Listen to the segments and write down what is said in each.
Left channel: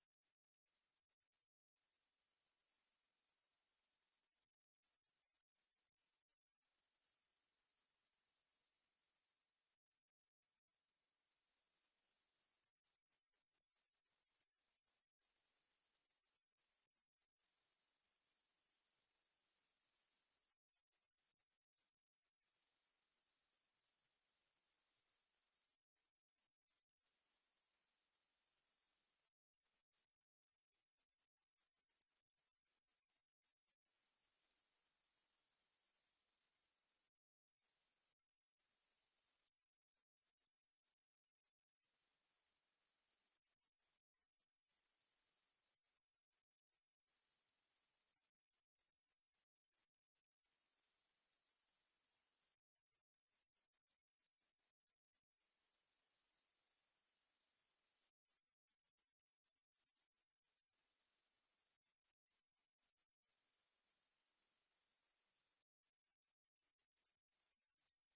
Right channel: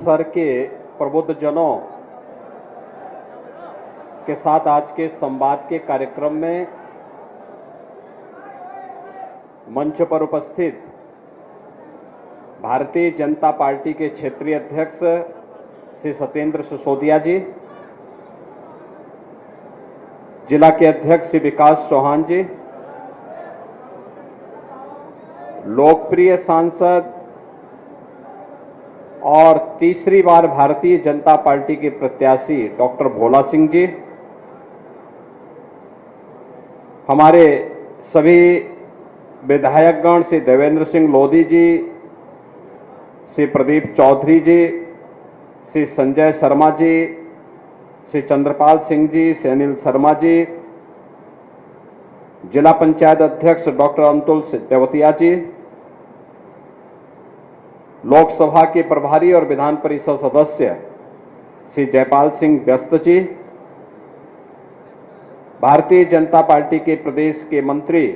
Sir के प्रबुद्ध जनों के साथ आज के संवाद के कार्यक्रम में मंच पर उपस्थित भारतीय जनता पार्टी के क्षेत्रीय अध्यक्ष श्री सत्येंद्र सिसोदिया जी, जिला के अध्यक्ष श्री विकास चौहान जी, लोकप्रिय सांसद और तीसरी बार भारतीय जनता पार्टी के प्रत्याशी डॉक्टर भोला सिंह जी, हमारे सभी विधायकगण श्री देवेंद्र सिंह लोधी जी, श्री प्रदीप चौधरी जी, श्री संजय शर्मा जी, श्री चंद्रपाल सिंह जी, श्री अनिल शर्मा जी, जिला पंचायत अध्यक्ष डॉक्टर अंतुल देवतिया जी, लोकसभा के प्रभारी और विधान परिषद सदस्य श्री जयपाल सिंह व्यस्त जी, भारतीय जनता पार्टी के प्रदेश के मंत्री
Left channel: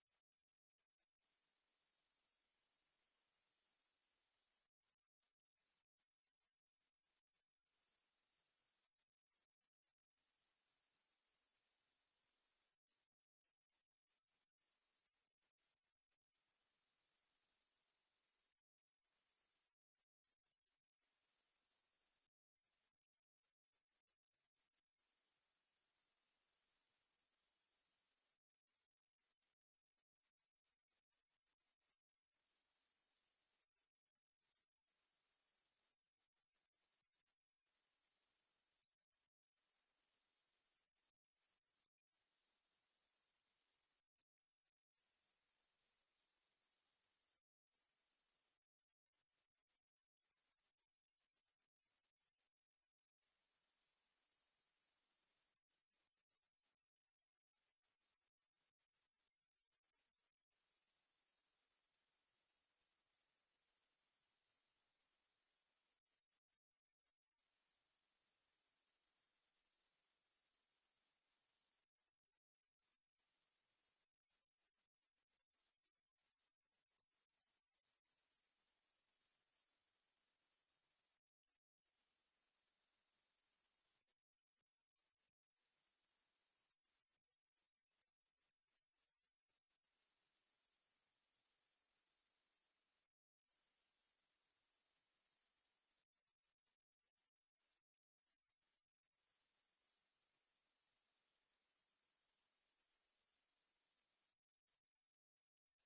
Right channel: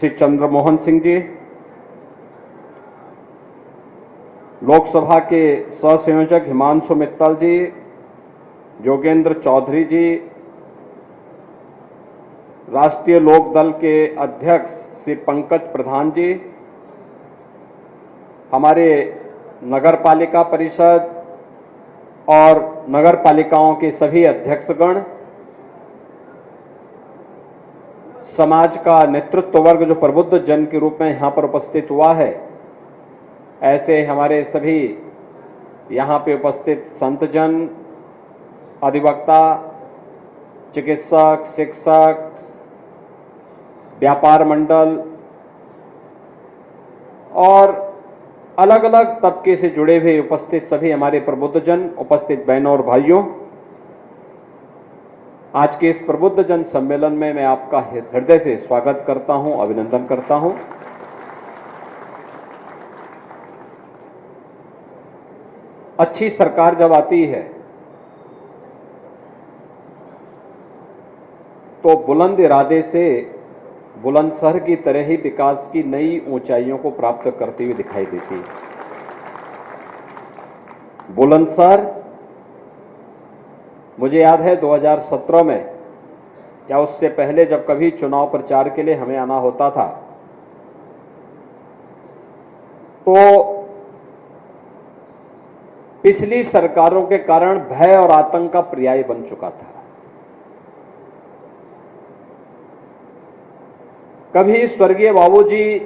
श्री चंद्रमोहन सिंह जी, लोकसभा के सहसंयोजक हिमांशु मित्तल जी, योगेंद्र चौधरी जी, राष्ट्रीय लोक दल के अध्यक्ष श्री पंकज प्रधान जी, हमारे नगर पालिका परिषद और नगर पालिकाओं के सभी अध्यक्षगण, समाज का नेतृत्व वर्ग जो प्रबुद्ध जन के रूप में यहां पर उपस्थित हुआ है, ऐसे हमारे सभी यहां पे उपस्थित संतजन, अधिवक्ता, चिकित्सक, शिक्षक, व्यापार मंडल और अलग अलग तबके से जुड़े हुए उपस्थित सभी हमारे प्रबुद्ध जन, उपस्थित बहनों और भाइयों, आज के इस प्रबुद्ध जन सम्मेलन में मैं आपका हृदय से स्वागत करता हूं, अभिनंदन करता हूं। अच्छी सरकार जब आती है तो बुलंद इरादे से बुलंदशहर की तरह ही विकास की नई ऊंचाइयों को प्राप्त करती हुई दिखाई देती है। बुलंदशहर, मुझे याद है 2017 में या उससे पहले जब कभी चुनाव प्रचार के लिए हमें आना होता था तो पिछली सरकारों के कारण भय और आतंक का पर्याय बन चुका था। कभी स्वर्गीय बाबूजी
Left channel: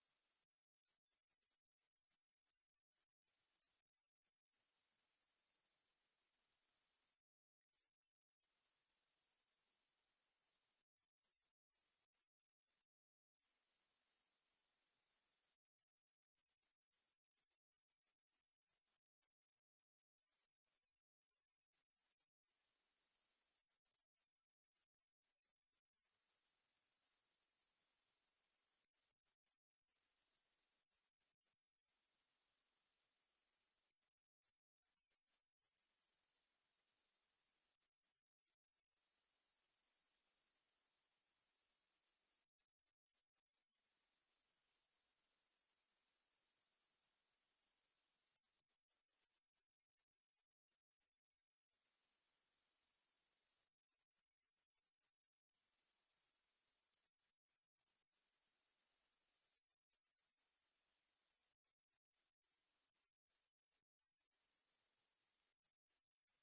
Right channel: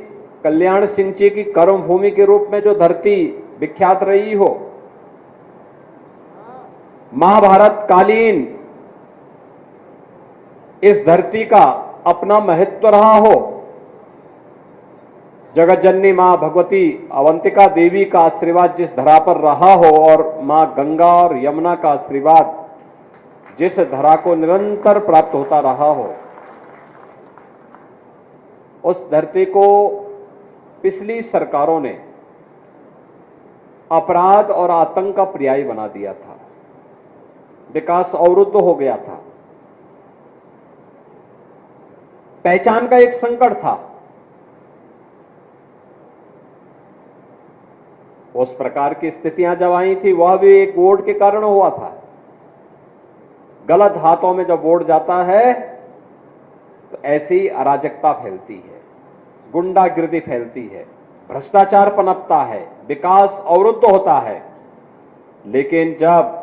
कल्याण सिंह जी की कर्मभूमि के रूप में जो धरती विख्यात रही हो, महाभारत कालीन इस धरती का अपना महत्व रहा हो, जगत जननी मां भगवती अवंतिका देवी का आशीर्वाद जिस धरा पर रहा हो और मां गंगा और यमुना का आशीर्वाद जिस धरा को निरंतर प्राप्त होता रहा हो, उस धरती को पिछली सरकारों ने अपराध और आतंक का पर्याय बना दिया था। विकास अवरुद्ध हो गया था, पहचान का एक संकट था। उस प्रकार की स्थितियां जब आई थी वह भी एक वोट के कारण हुआ था। गलत हाथों में जब वोट जाता है तो ऐसी अराजकता फैलती है, गुंडागिर्दी फैलती है, भ्रष्टाचार पनपता है, विकास अवरुद्ध होता है। लेकिन जब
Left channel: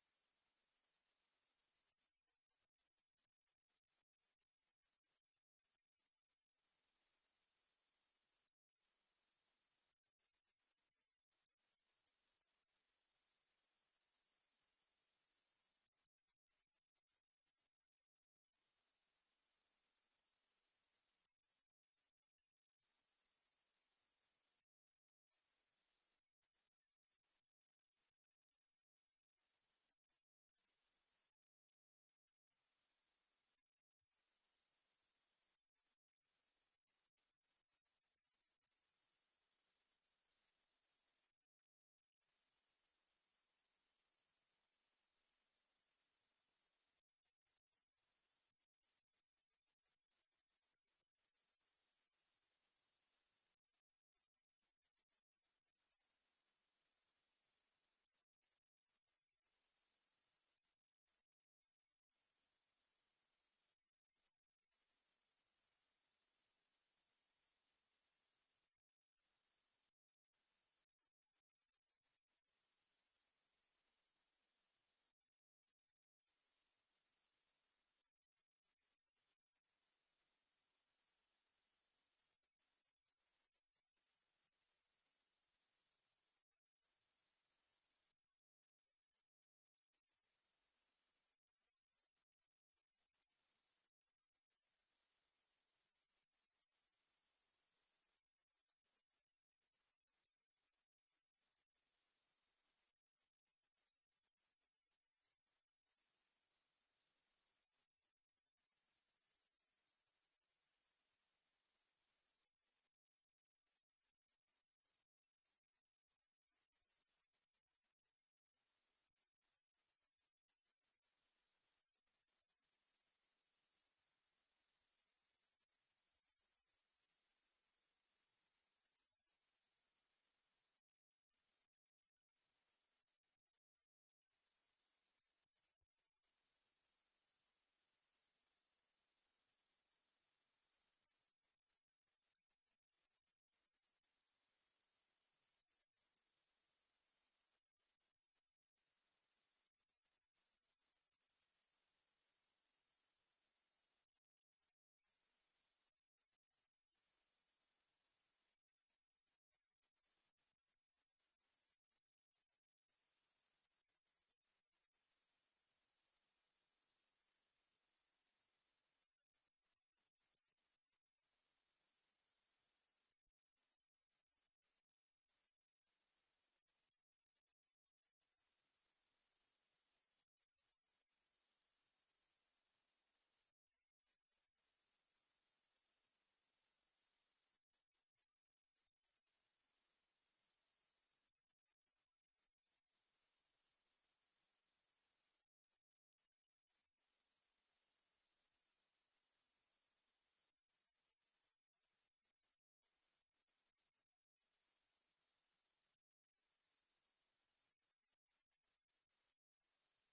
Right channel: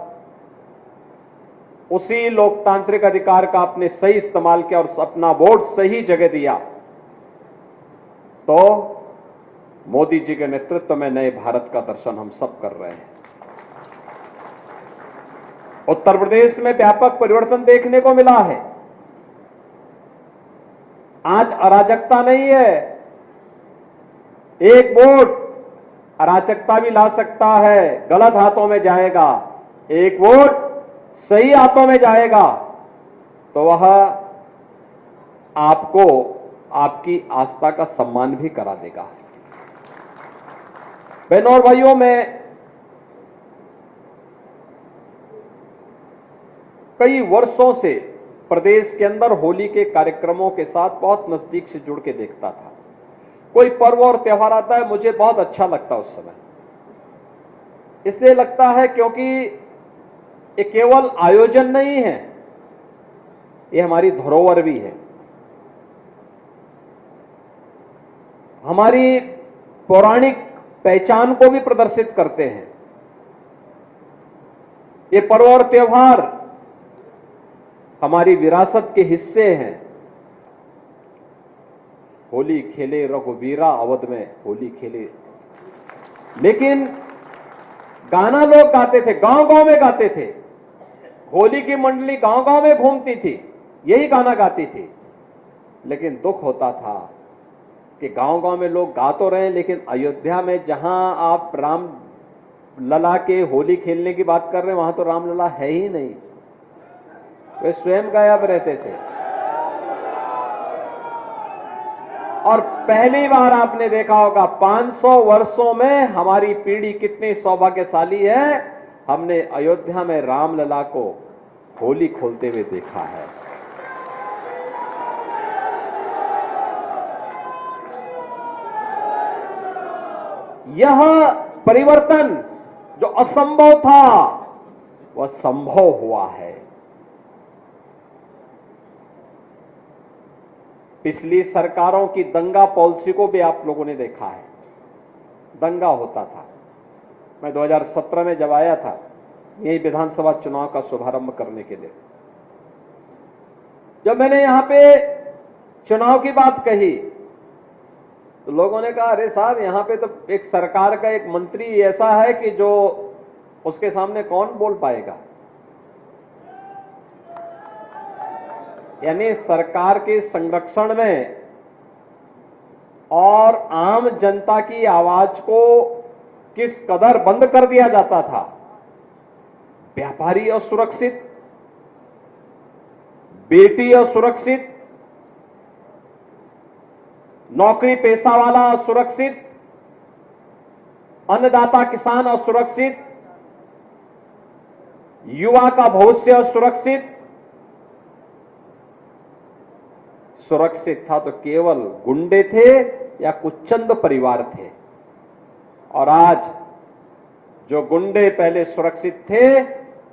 उसी लोकतांत्रिक अधिकार का आपने सही इस्तेमाल किया और अपना वोट सही जगह दिया तो मोदी जी के नेतृत्व में नए भारत का दर्शन हम सब कर रहे हैं। उत्तर प्रदेश में व्यापक परिवर्तन देखने को मिला है। आज अराजकता नहीं है, एक वोट अराजकता भी ला सकता है, गलत हाथों में जाएगा, एक वोट सही हाथों में जाएगा तो वह आपको आपकी आस्था का सम्मान भी करा देगा। बहनों और भाइयों, मैं कई वर्षों से प्रदेश के अंदर होली के कार्यक्रमों के साथ बहुत नजदीक से जुड़ के देखता था। कोई पर्व और त्योहार आता है, मुझे बहुत अच्छा लगता उस समय। इसलिए लगता है क्योंकि ये केवल आयोजन नहीं है, ये हमारी धरोहर भी है, हमारी पौराणिक पहचान को भी प्रदर्शित करते हैं। ये पर्व और त्योहार हमारी विरासत के हिस्से हैं। होली खेले रघुवीरा, अवध में होली खेले, लेकिन गाना लोग गाते थे, गांव गांव में गाते थे। होली की मंडली गांव गांव में घूमती थी, यही गाना गाती थी। लेकिन दुख होता था कि गांव गांव में लोग गा तो रहे हैं, लेकिन अयोध्या में जहां आप राम लला के होली खेलने की बात कर रहे हैं, वहां तो राम लला है ही नहीं, वे स्वयं गायब रहते थे। और पहली बार आपने देखा होगा 500 वर्षों में हमारी पीढ़ी कितनी सौभाग्यशाली है, हमने अयोध्या में रामलला को होली खोलते हुए देखा है। यह परिवर्तन जो असंभव था वह संभव हुआ है। पिछली सरकारों की दंगा पॉलिसी को भी आप लोगों ने देखा है, दंगा होता था। मैं 2017 में जब आया था यही विधानसभा चुनाव का शुभारंभ करने के लिए, जब मैंने यहां पे चुनाव की बात कही तो लोगों ने कहा, अरे साहब यहां पे तो एक सरकार का एक मंत्री ऐसा है कि जो उसके सामने कौन बोल पाएगा। यानी सरकार के संरक्षण में और आम जनता की आवाज को किस कदर बंद कर दिया जाता था। व्यापारी असुरक्षित, बेटी असुरक्षित, नौकरी पेशा वाला असुरक्षित, अन्नदाता किसान असुरक्षित, युवा का भविष्य असुरक्षित। सुरक्षित था तो केवल गुंडे थे या कुछ चंद परिवार थे, और आज जो गुंडे पहले सुरक्षित थे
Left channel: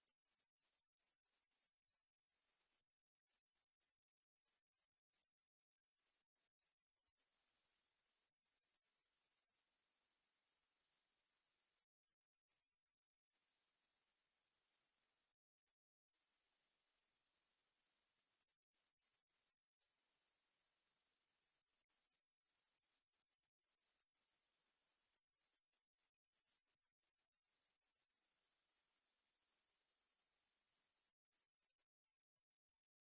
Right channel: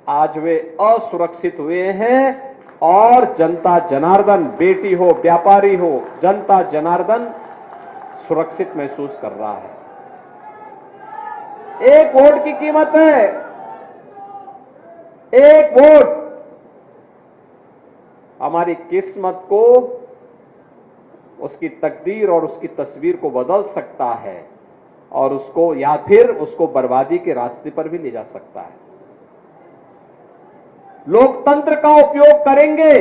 आज वे असुरक्षित हुए हैं, और जनता जनार्दन, बेटी हो व्यापारी हो, जनता जनार्दन सुरक्षित महसूस कर रहा है। एक वोट की कीमत है, एक वोट हमारी किस्मत को, उसकी तकदीर और उसकी तस्वीर को बदल सकता है, और उसको या फिर उसको बर्बादी के रास्ते पर भी ले जा सकता है। लोकतंत्र का उपयोग करेंगे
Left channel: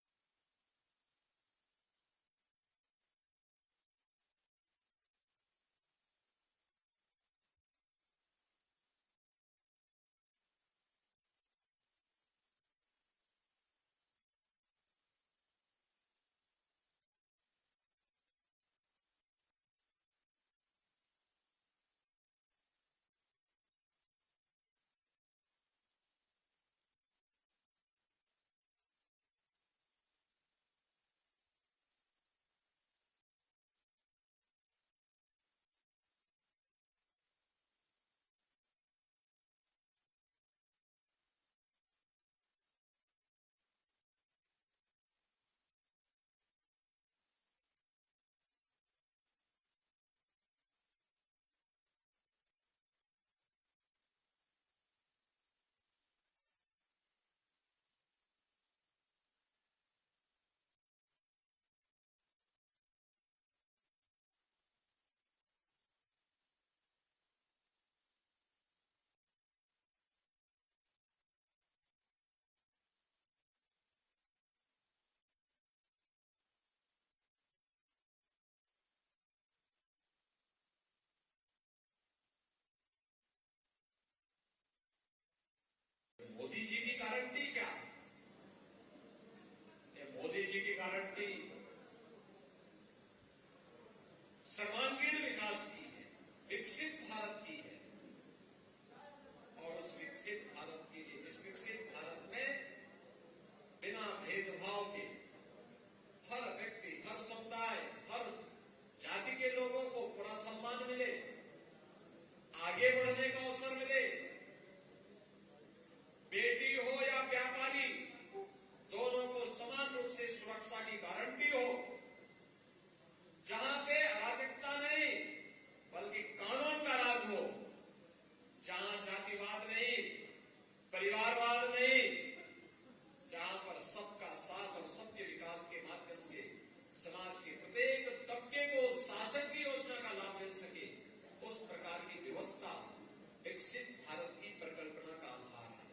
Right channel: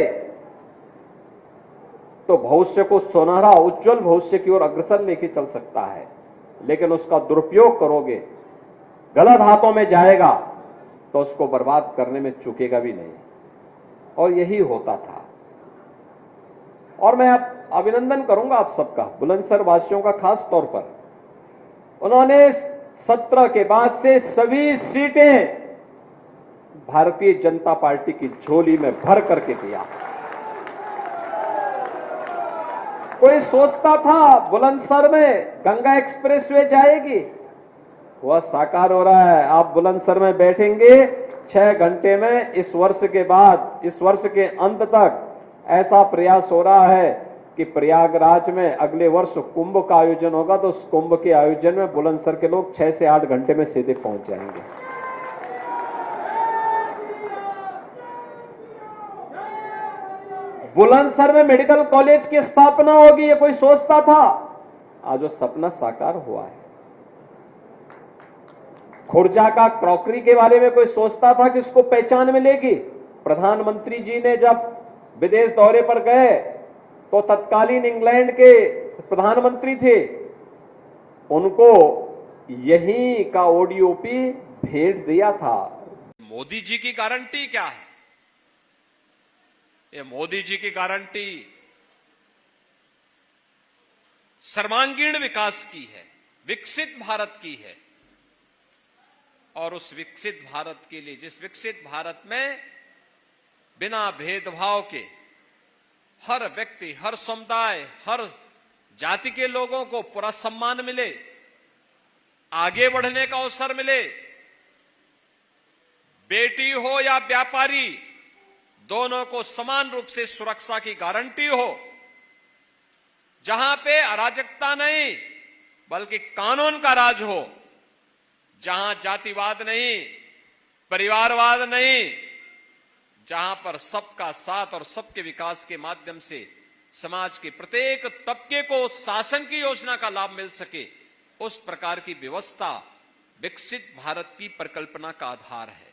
तो भविष्य को सुनहरा उज्जवल भविष्य की ओर अग्रसर लेके चल सकता है, लेकिन उसका दुरुपयोग करोगे, गलत हाथों में जाएगा तो उसको बर्बाद करने में चूकेगा भी नहीं। और यही होता था। और मैं अभिनंदन करूंगा आप सबका, बुलंदशहर वासियों का खास तौर पर। उन्होंने 17 के बाद से सभी सीटें भारतीय जनता पार्टी की झोली में भर करके दिया। कोई सोचता था बुलंदशहर में गंगा एक्सप्रेसवे जाएगी, वह साकार हो रहा है। आप बुलंदशहर में बैठेंगे 6 घंटे में, इस वर्ष के बाद, इस वर्ष के अंत तक ऐसा प्रयास हो रहा है कि प्रयागराज में अगले वर्ष कुंभ का आयोजन होगा, तो उस कुंभ के आयोजन में बुलंदशहर के लोग 6 से 8 घंटे में सीधे पहुंच जाएंगे। बुलंदशहर में मेडिकल कॉलेज की स्थापना होगी, ये कोई सोचता था? आज वो सपना साकार हुआ है। खुर्जा का क्रॉकरी के बारे में कोई सोचता था कि उसको पहचान मिलेगी? प्रधानमंत्री जी ने जब विदेश दौरे पर गए तो तत्कालीन इंग्लैंड के प्रधानमंत्री थे, उनको यही का ओडीओपी भेंट दिया था। मोदी जी की गारंटी क्या है? ये मोदी जी की गारंटी सर्वांगीण विकास की है, विकसित भारत की है। और उस विकसित भारत के लिए, जिस विकसित भारत में बिना भेदभाव के हर व्यक्ति, हर समुदाय, हर जाति के लोगों को पूरा सम्मान मिले, आगे बढ़ने का अवसर मिले, हो या व्यापारी, दोनों को समान रूप से सुरक्षा की गारंटी हो, जहां पे अराजकता नहीं बल्कि कानून का राज हो, जहां जातिवाद नहीं, परिवारवाद नहीं, जहां पर सबका साथ और सबके विकास के माध्यम से समाज के प्रत्येक तबके को शासन की योजना का लाभ मिल सके, उस प्रकार की व्यवस्था विकसित भारत की परिकल्पना का आधार है।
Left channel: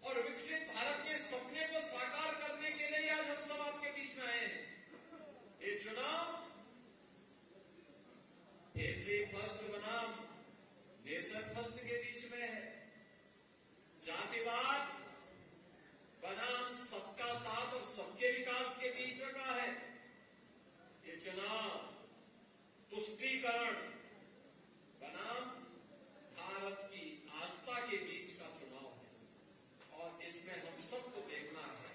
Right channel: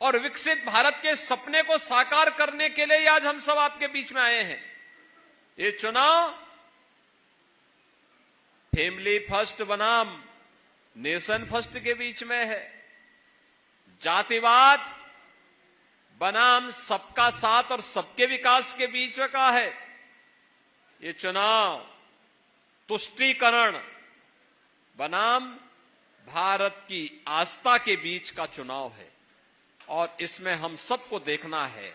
और विकसित भारत के सपने को साकार करने के लिए आज हम सब आपके बीच में आए हैं। ये चुनाव फैमिली फर्स्ट बनाम नेशन फर्स्ट के बीच में है, जातिवाद बनाम सबका साथ और सबके विकास के बीच का है। ये चुनाव तुष्टीकरण बनाम भारत की आस्था के बीच का चुनाव है। और इसमें हम सबको देखना है,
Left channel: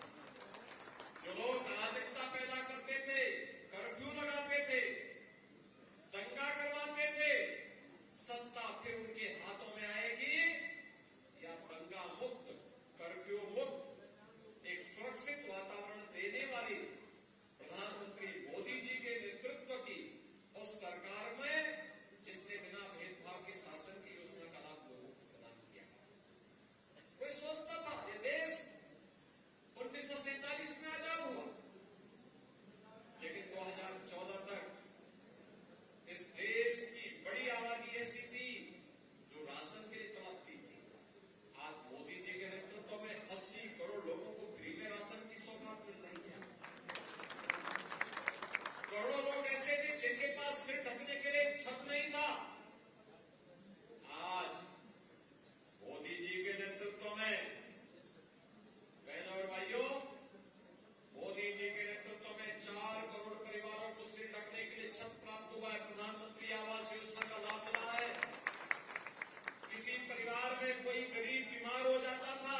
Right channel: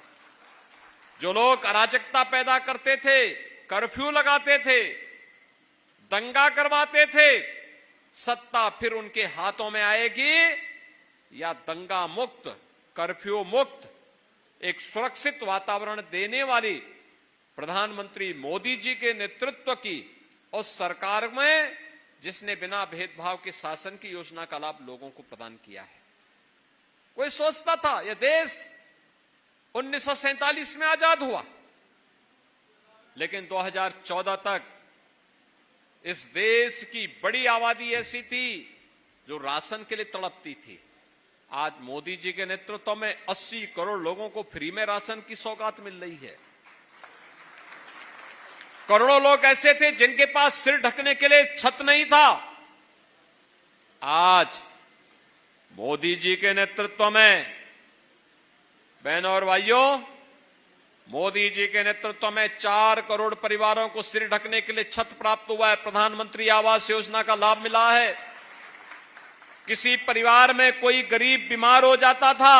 जो लोग अराजकता पैदा करते थे, कर्फ्यू लगाते थे, दंगा करवाते थे, सत्ता फिर उनके हाथों में आएगी या दंगा मुक्त, कर्फ्यू मुक्त एक सुरक्षित वातावरण देने वाली प्रधानमंत्री मोदी जी के नेतृत्व की उस सरकार में, जिसने बिना भेदभाव के शासन की योजना का लाभ लोगों को प्रदान किया है। कोई सोचता था यह देश 1947 में आजाद हुआ, लेकिन 2014 तक इस देश की बड़ी आबादी ऐसी थी जो राशन के लिए तड़पती थी। आज मोदी जी के नेतृत्व में 80 करोड़ लोगों को फ्री में राशन की सौगात मिल रही है। करोड़ों लोग ऐसे थे जिनके पास सिर ढकने के लिए छत नहीं था। आज मोदी जी के नेतृत्व में, बहनों और भाइयों, मोदी जी के नेतृत्व में 4 करोड़ परिवारों को सिर ढकने के लिए छत प्राप्त हुआ है। प्रधानमंत्री आवास योजना का लाभ मिला है। किसी परिवार में कोई गरीब बीमार हो जाता था,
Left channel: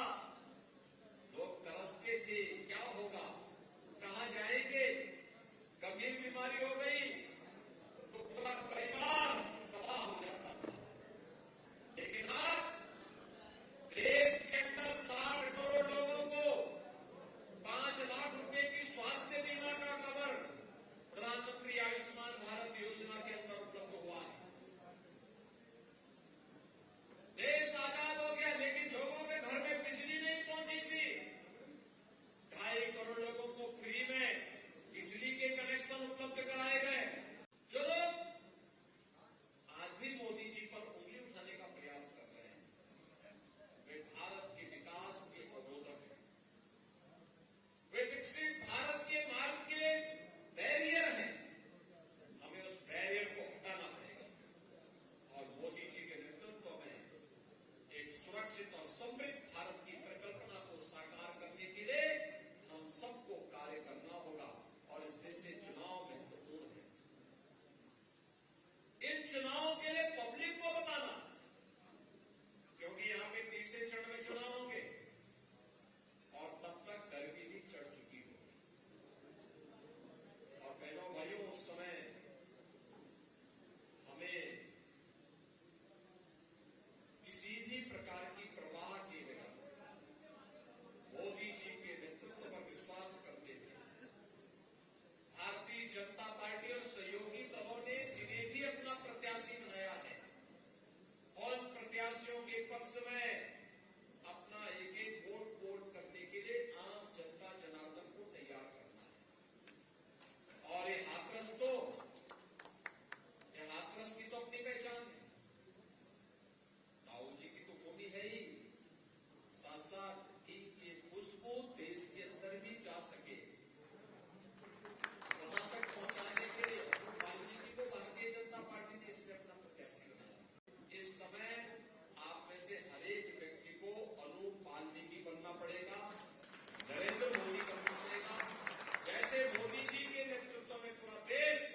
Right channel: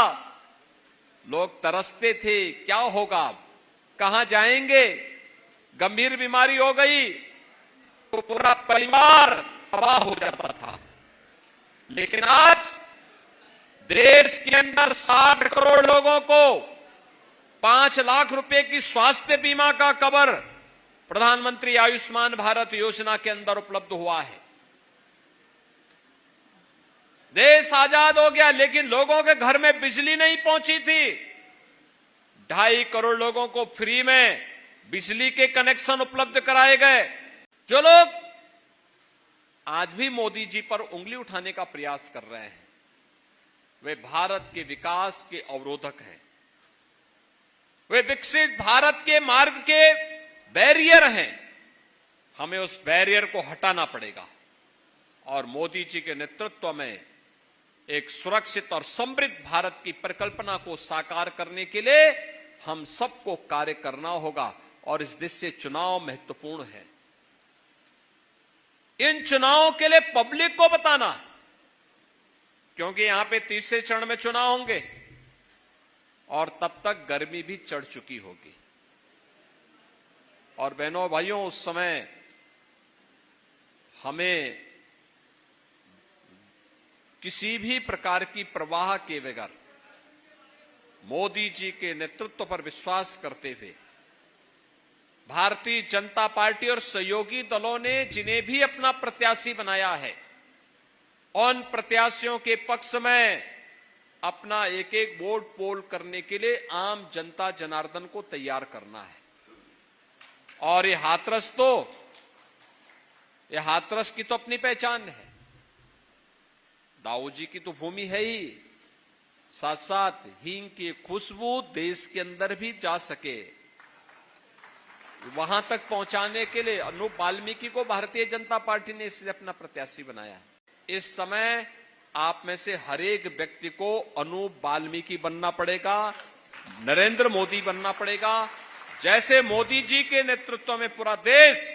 लोग तरसते थे, क्या होगा, कहां जाएंगे, गंभीर बीमारी हो गई तो पूरा परिवार तबाह हो जाता था। लेकिन आज देश के अंदर 60 करोड़ लोगों को 5 लाख रुपए की स्वास्थ्य बीमा का कवर प्रधानमंत्री आयुष्मान भारत योजना के अंदर उपलब्ध हुआ है। देश आजाद हो गया, लेकिन लोगों के घर में बिजली नहीं पहुंची थी। 2.5 करोड़ लोगों को फ्री में बिजली के कनेक्शन उपलब्ध कराए गए। जो लोग आज भी मोदी जी पर उंगली उठाने का प्रयास कर रहे हैं, वे भारत के विकास के अवरोधक हैं। वे विकसित भारत के मार्ग के बैरियर हैं। हमें उस बैरियर को हटाना पड़ेगा और मोदी जी के नेतृत्व में एक सुरक्षित और समृद्ध भारत की परिकल्पना को साकार करने के लिए हम सबको कार्य करना होगा। और इस दृष्टि से चुनाव महत्वपूर्ण है। इन चुनावों के लिए पब्लिक को बताना, क्योंकि यहां पे तीसरे चरण में चुनाव होंगे और तब तक गर्मी भी चढ़ चुकी होगी। और बहनों भाइयों, उस समय हमें किसी भी प्रकार की परवाह के बगैर मोदी जी के नेतृत्व पर विश्वास करते हुए भारतीय जनता पार्टी और सहयोगी दलों ने जिन्हें भी अपना प्रत्याशी बनाया है, उन प्रत्याशियों के पक्ष में अपना एक एक वोट पोल करने के लिए आम जनता जनार्दन को तैयार करना है। और ये हाथरस की तो अपनी पहचान है। दाऊ जी की तो भूमि है ही, साथ साथ हींग की खुशबू देश के अंदर भी जा सके, वहां तक पहुंचाने के लिए अनूप वाल्मीकि को भारतीय जनता पार्टी ने इसलिए अपना प्रत्याशी बनाया। इस समय आप में से हर एक व्यक्ति को अनूप वाल्मीकि बनना पड़ेगा, नरेंद्र मोदी बनना पड़ेगा। जैसे मोदी जी के नेतृत्व में पूरा देश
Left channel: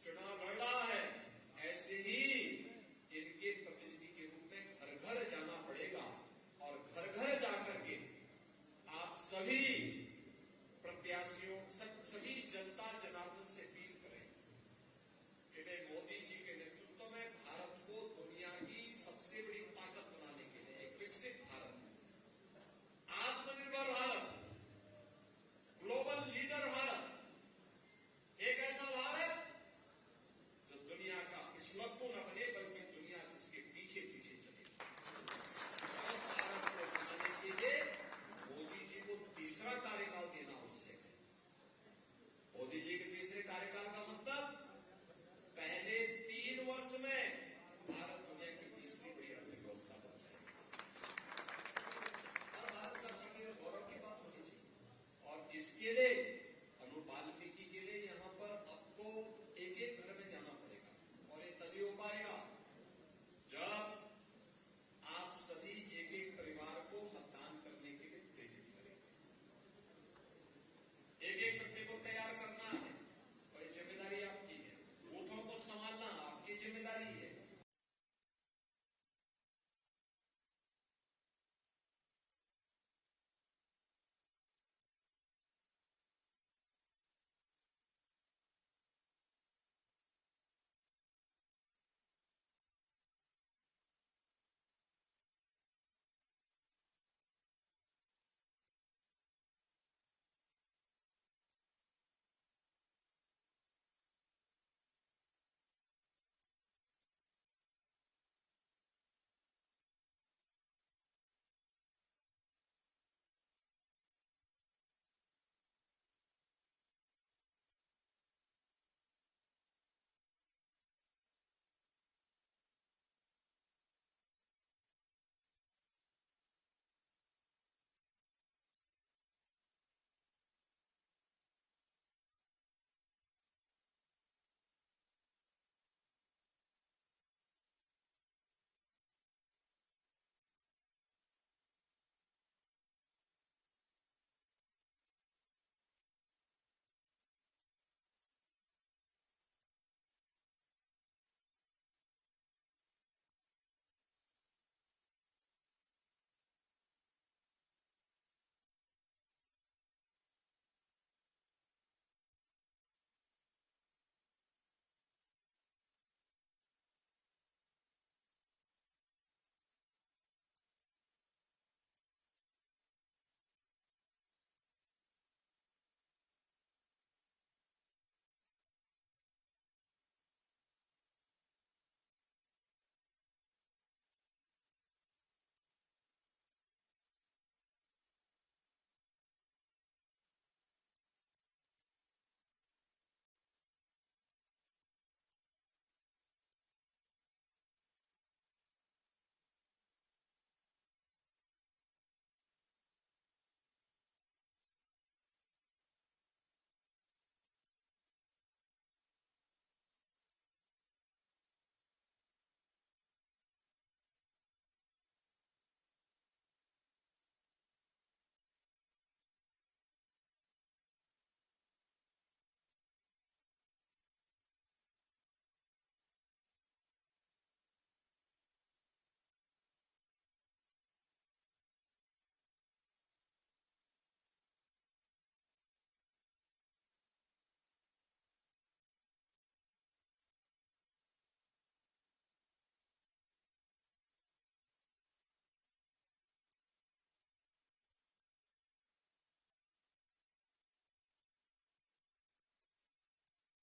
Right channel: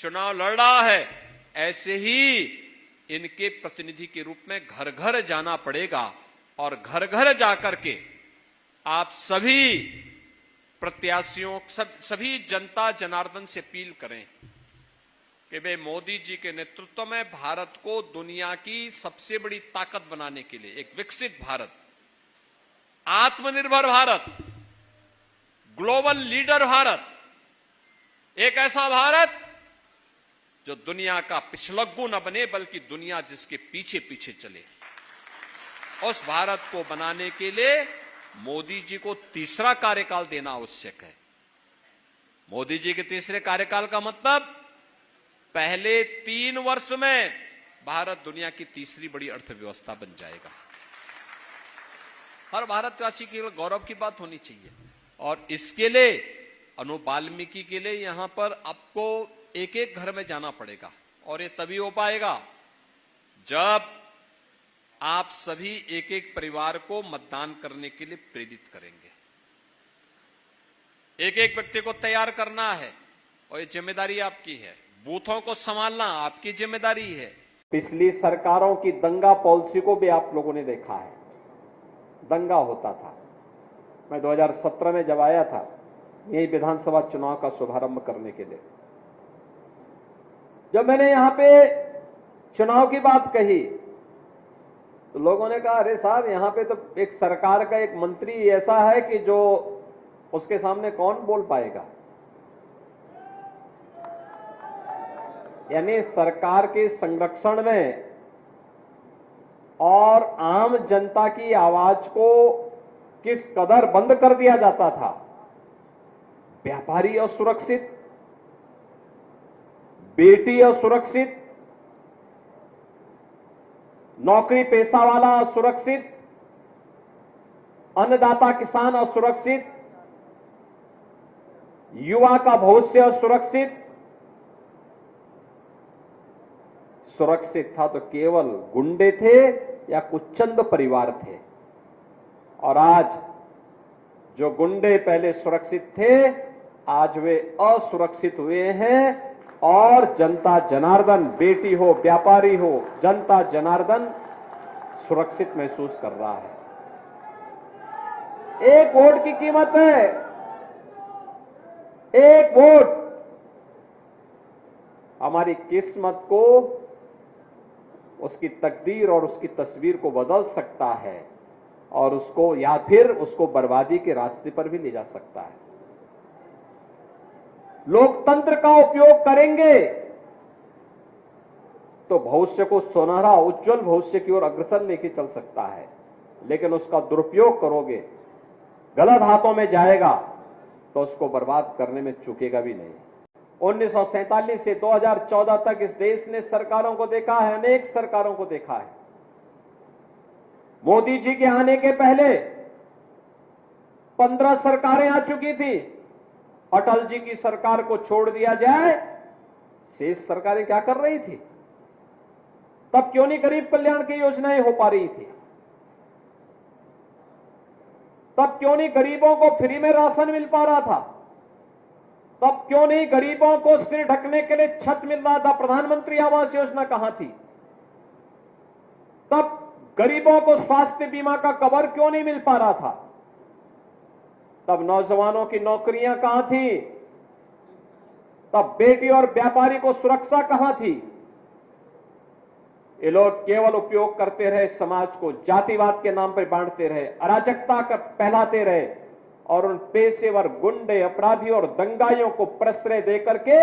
चुनाव लड़ रहा है, ऐसे ही इनके प्रतिनिधि के रूप में घर घर जाना पड़ेगा और घर घर जाकर के आप सभी प्रत्याशियों, सभी जनता जनार्दन से अपील करें कि वे मोदी जी के नेतृत्व में भारत को दुनिया की सबसे बड़ी ताकत बनाने के लिए, एक विकसित भारत, आत्मनिर्भर भारत, ग्लोबल लीडर भारत, एक ऐसा भारत जो दुनिया का पिछलग्गू न बने बल्कि दुनिया जिसके पीछे पीछे चले, उस भारत को बनाने के लिए मोदी जी को तीसरा कार्यकाल देना आवश्यक है। मोदी जी के तीसरे कार्यकाल का मतलब पहले 3 वर्ष में भारत दुनिया की तीसरी बड़ी अर्थव्यवस्था बन जाएगा। हर भारतवासी के लिए गौरव की बात होनी चाहिए। और इसके लिए अनु वाल्मीकि के लिए यहां पर आपको एक एक घर में जाना पड़ेगा, और ये तभी हो पाएगा जब आप सभी एक एक परिवार को मतदान करने के लिए प्रेरित करेंगे। एक एक व्यक्ति को तैयार करना है और ये जिम्मेदारी आपकी है। बूथों को संभालना आपकी जिम्मेदारी है। पिछली सरकारों की दंगा पॉलिसी को भी आप लोगों ने देखा है। दंगा होता था। मैं 2017 में जब आया था यही विधानसभा चुनाव का शुभारंभ करने के लिए, जब मैंने यहां पे चुनाव की बात कही तो लोगों ने कहा, अरे साहब यहां पे तो एक सरकार का एक मंत्री ऐसा है कि जो उसके सामने कौन बोल पाएगा। यानी सरकार के संरक्षण में और आम जनता की आवाज को किस कदर बंद कर दिया जाता था। व्यापारी असुरक्षित, बेटी असुरक्षित, नौकरी पेशा वाला असुरक्षित, अन्नदाता किसान असुरक्षित, युवा का भविष्य असुरक्षित। सुरक्षित था तो केवल गुंडे थे या कुछ चंद परिवार थे, और आज जो गुंडे पहले सुरक्षित थे आज वे असुरक्षित हुए हैं, और जनता जनार्दन, बेटी हो व्यापारी हो, जनता जनार्दन सुरक्षित महसूस कर रहा है। एक वोट की कीमत है, एक वोट हमारी किस्मत को, उसकी तकदीर और उसकी तस्वीर को बदल सकता है, और उसको या फिर उसको बर्बादी के रास्ते पर भी ले जा सकता है। लोकतंत्र का उपयोग करेंगे तो भविष्य को सुनहरा उज्जवल भविष्य की ओर अग्रसर लेके चल सकता है, लेकिन उसका दुरुपयोग करोगे, गलत हाथों में जाएगा तो उसको बर्बाद करने में चूकेगा भी नहीं। 1947 से 2014 तक इस देश ने सरकारों को देखा है, अनेक सरकारों को देखा है। मोदी जी के आने के पहले 15 सरकारें आ चुकी थी। अटल जी की सरकार को छोड़ दिया जाए, शेष सरकारें क्या कर रही थी? तब क्यों नहीं गरीब कल्याण की योजनाएं हो पा रही थी? तब क्यों नहीं गरीबों को फ्री में राशन मिल पा रहा था? तब क्यों नहीं गरीबों को सिर ढकने के लिए छत मिल रहा था? प्रधानमंत्री आवास योजना कहां थी? तब गरीबों को स्वास्थ्य बीमा का कवर क्यों नहीं मिल पा रहा था? तब नौजवानों की नौकरियां कहां थी? तब बेटी और व्यापारी को सुरक्षा कहां थी? ये लोग केवल उपयोग करते रहे, समाज को जातिवाद के नाम पर बांटते रहे, अराजकता का फैलाते रहे, और उन पेशेवर गुंडे, अपराधियों और दंगाइयों को प्रश्रय देकर के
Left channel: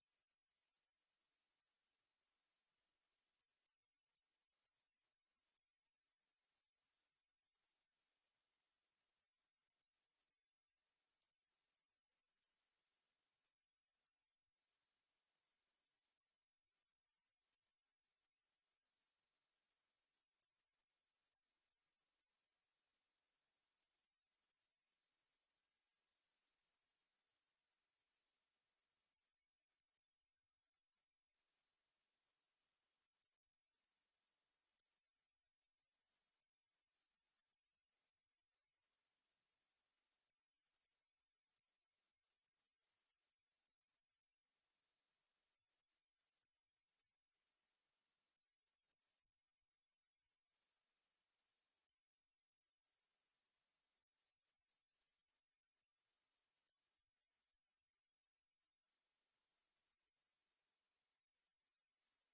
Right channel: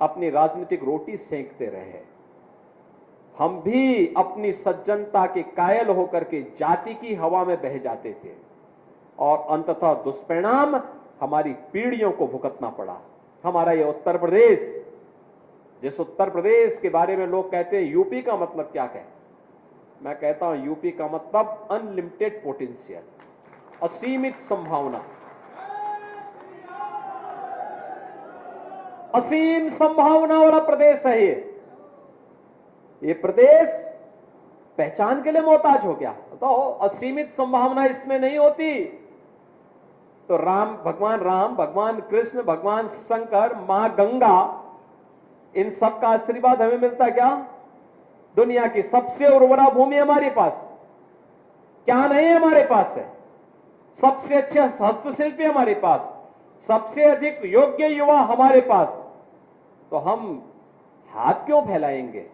अपनी राजनीतिक रोटी सेंकते रहे। हम भी अपनी सज्जनता के कायल होकर के जाति की हवा में बह जाते थे, और अंततः दुष्परिणाम हमारी पीढ़ियों को भुगतना पड़ा। हमारा ये उत्तर प्रदेश, जिस उत्तर प्रदेश के बारे में लोग कहते हैं यूपी का मतलब क्या है, मैं कहता हूं यूपी का मतलब अनलिमिटेड पोटेंशियल, असीमित संभावना, असीम संभावना वाला प्रदेश है ये प्रदेश पहचान के लिए मोहताज हो गया। तो असीमित संभावना इसमें नहीं होती तो भगवान राम, भगवान कृष्ण, भगवान शंकर, मां गंगा, इन सब का आशीर्वाद हमें मिलता क्या? दुनिया की सबसे उर्वरा भूमि हमारे पास क्या नहीं है? हमारे पास है सबसे अच्छे हस्तशिल्पी हमारे पास, सबसे अधिक योग्य युवा हमारे पास। तो हम हाथ क्यों फैलाएंगे?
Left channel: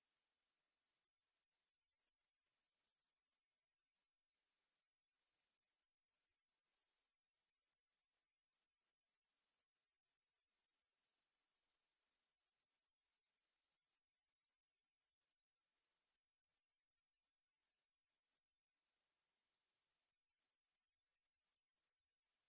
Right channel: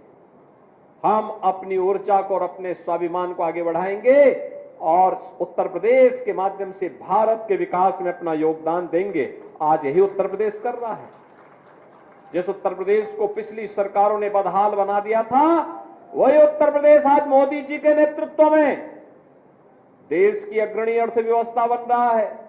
हम अपनी ऊर्जा को और अपने स्वाभिमान को आगे बढ़ाएंगे और उत्तर प्रदेश के माध्यम से भारत के विकास में अपना योगदान देंगे। आज यही उत्तर प्रदेश कर रहा है। जिस उत्तर प्रदेश को पिछली सरकारों ने बदहाल बना दिया था, वही उत्तर प्रदेश आज मोदी जी के नेतृत्व में देश की अग्रणी अर्थव्यवस्था बन रहा है।